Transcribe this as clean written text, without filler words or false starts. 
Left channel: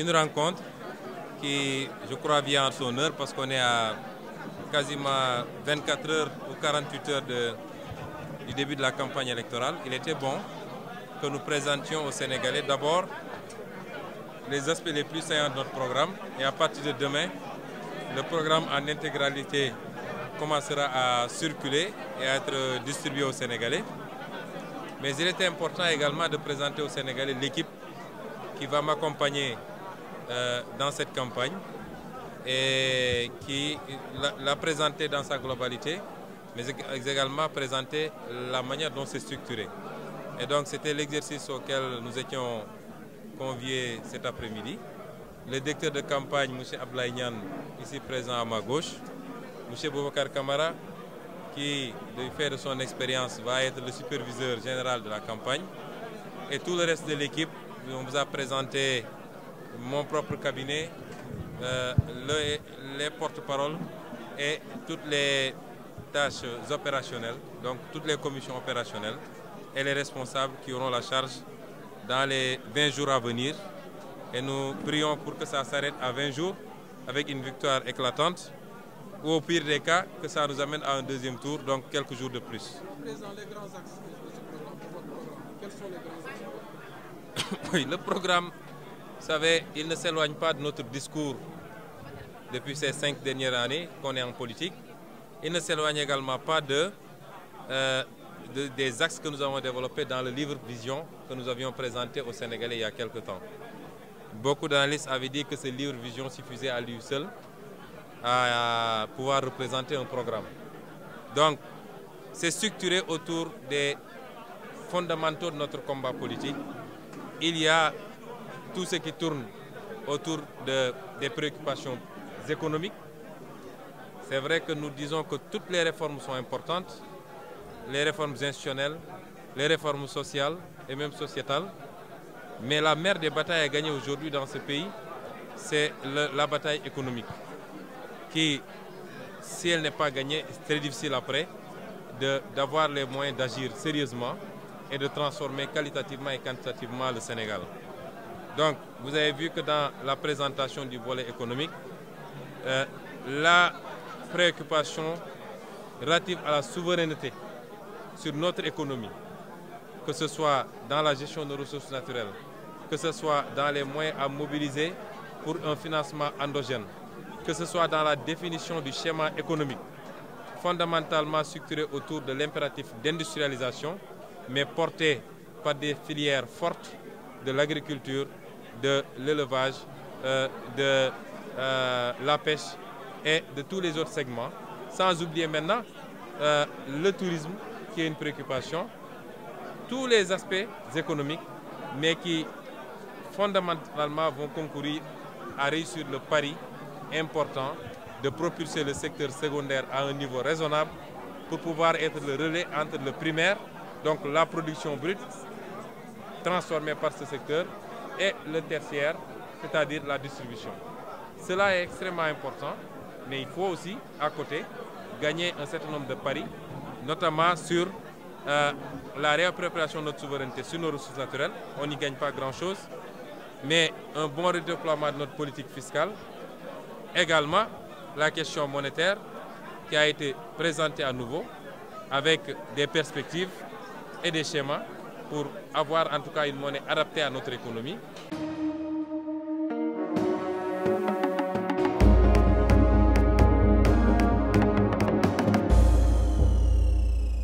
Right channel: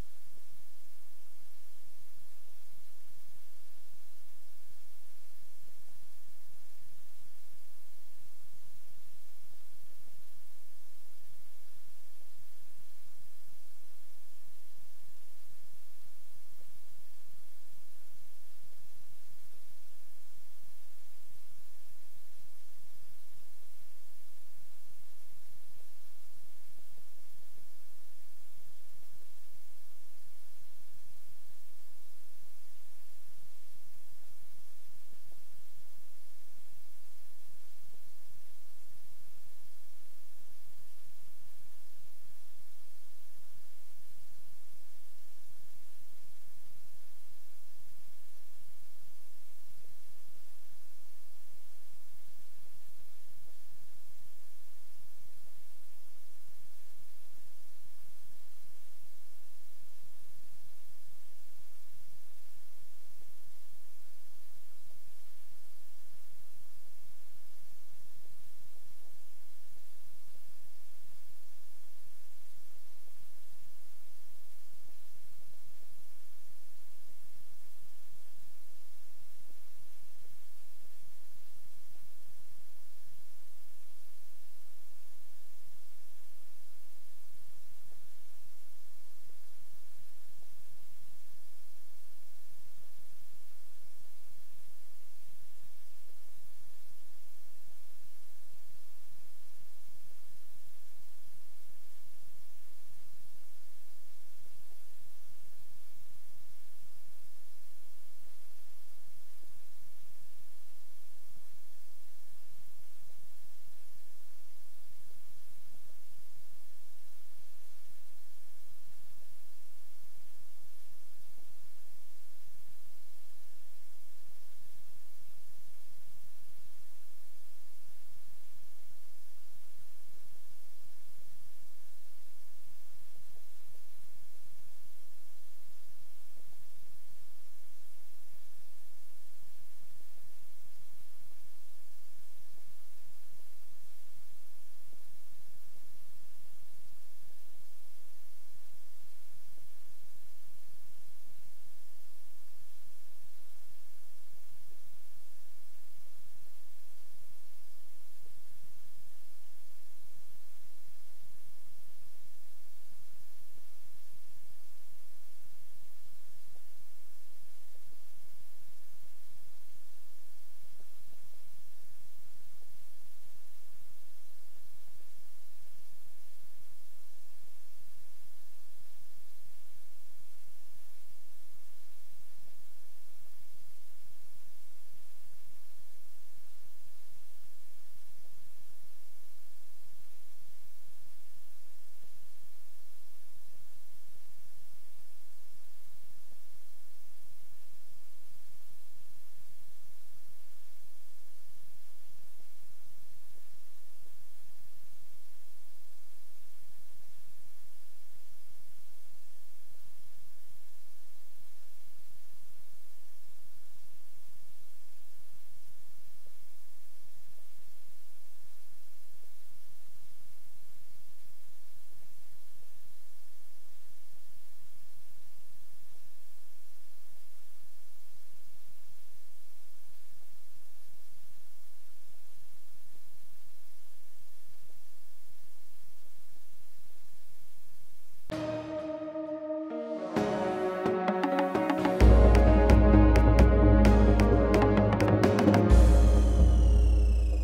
une rencontre qui, je crois, vient en son heure parce qu'on est à quasiment 24 heures ou 48 heures du début de la campagne électorale. Il était bon que nous présentions aux Sénégalais d'abord les aspects les plus saillants de notre programme et à partir de demain, le programme en intégralité commencera à circuler et à être distribué aux Sénégalais. Mais il était important également de présenter aux Sénégalais l'équipe qui va m'accompagner dans cette campagne et qui l'a présenter dans sa globalité, mais également présenter la manière dont c'est structuré. Et donc c'était l'exercice auquel nous étions conviés cet après-midi. Le directeur de campagne, M. Abdoulaye Niane, ici présent à ma gauche, M. Boubacar Camara, qui, du fait de son expérience, va être le superviseur général de la campagne. Et tout le reste de l'équipe, on vous a présenté mon propre cabinet, les porte-paroles et toutes les tâches opérationnelles, donc toutes les commissions opérationnelles et les responsables qui auront la charge dans les 20 jours à venir. Et nous prions pour que ça s'arrête à 20 jours avec une victoire éclatante, ou au pire des cas, que ça nous amène à un deuxième tour, donc quelques jours de plus. Président, les grands axes de ce programme, de votre programme, quels sont les grands axes? Oui, le programme, vous savez, il ne s'éloigne pas de notre discours depuis ces 5 dernières années qu'on est en politique. Il ne s'éloigne également pas des axes que nous avons développés dans le livre Vision que nous avions présenté aux Sénégalais il y a quelque temps. Beaucoup d'analystes avaient dit que ce livre Vision suffisait à lui seul à pouvoir représenter un programme. Donc, c'est structuré autour des fondamentaux de notre combat politique. Il y a tout ce qui tourne autour des préoccupations économiques. C'est vrai que nous disons que toutes les réformes sont importantes, les réformes institutionnelles, les réformes sociales et même sociétales. Mais la mère des batailles à gagner aujourd'hui dans ce pays, c'est la bataille économique, qui, si elle n'est pas gagnée, c'est très difficile après d'avoir les moyens d'agir sérieusement et de transformer qualitativement et quantitativement le Sénégal. Donc, vous avez vu que dans la présentation du volet économique, la préoccupation relative à la souveraineté sur notre économie, que ce soit dans la gestion de nos ressources naturelles, que ce soit dans les moyens à mobiliser pour un financement endogène, que ce soit dans la définition du schéma économique, fondamentalement structuré autour de l'impératif d'industrialisation, mais porté par des filières fortes de l'agriculture, de l'élevage, de la pêche et de tous les autres segments, sans oublier maintenant le tourisme qui est une préoccupation, tous les aspects économiques, mais qui fondamentalement vont concourir à réussir le pari important de propulser le secteur secondaire à un niveau raisonnable pour pouvoir être le relais entre le primaire, donc la production brute transformée par ce secteur, et le tertiaire, c'est-à-dire la distribution. Cela est extrêmement important, mais il faut aussi, à côté, gagner un certain nombre de paris, notamment sur la réappropriation de notre souveraineté sur nos ressources naturelles. On n'y gagne pas grand-chose, mais un bon redéploiement de notre politique fiscale. Également, la question monétaire qui a été présentée à nouveau avec des perspectives et des schémas pour avoir en tout cas une monnaie adaptée à notre économie.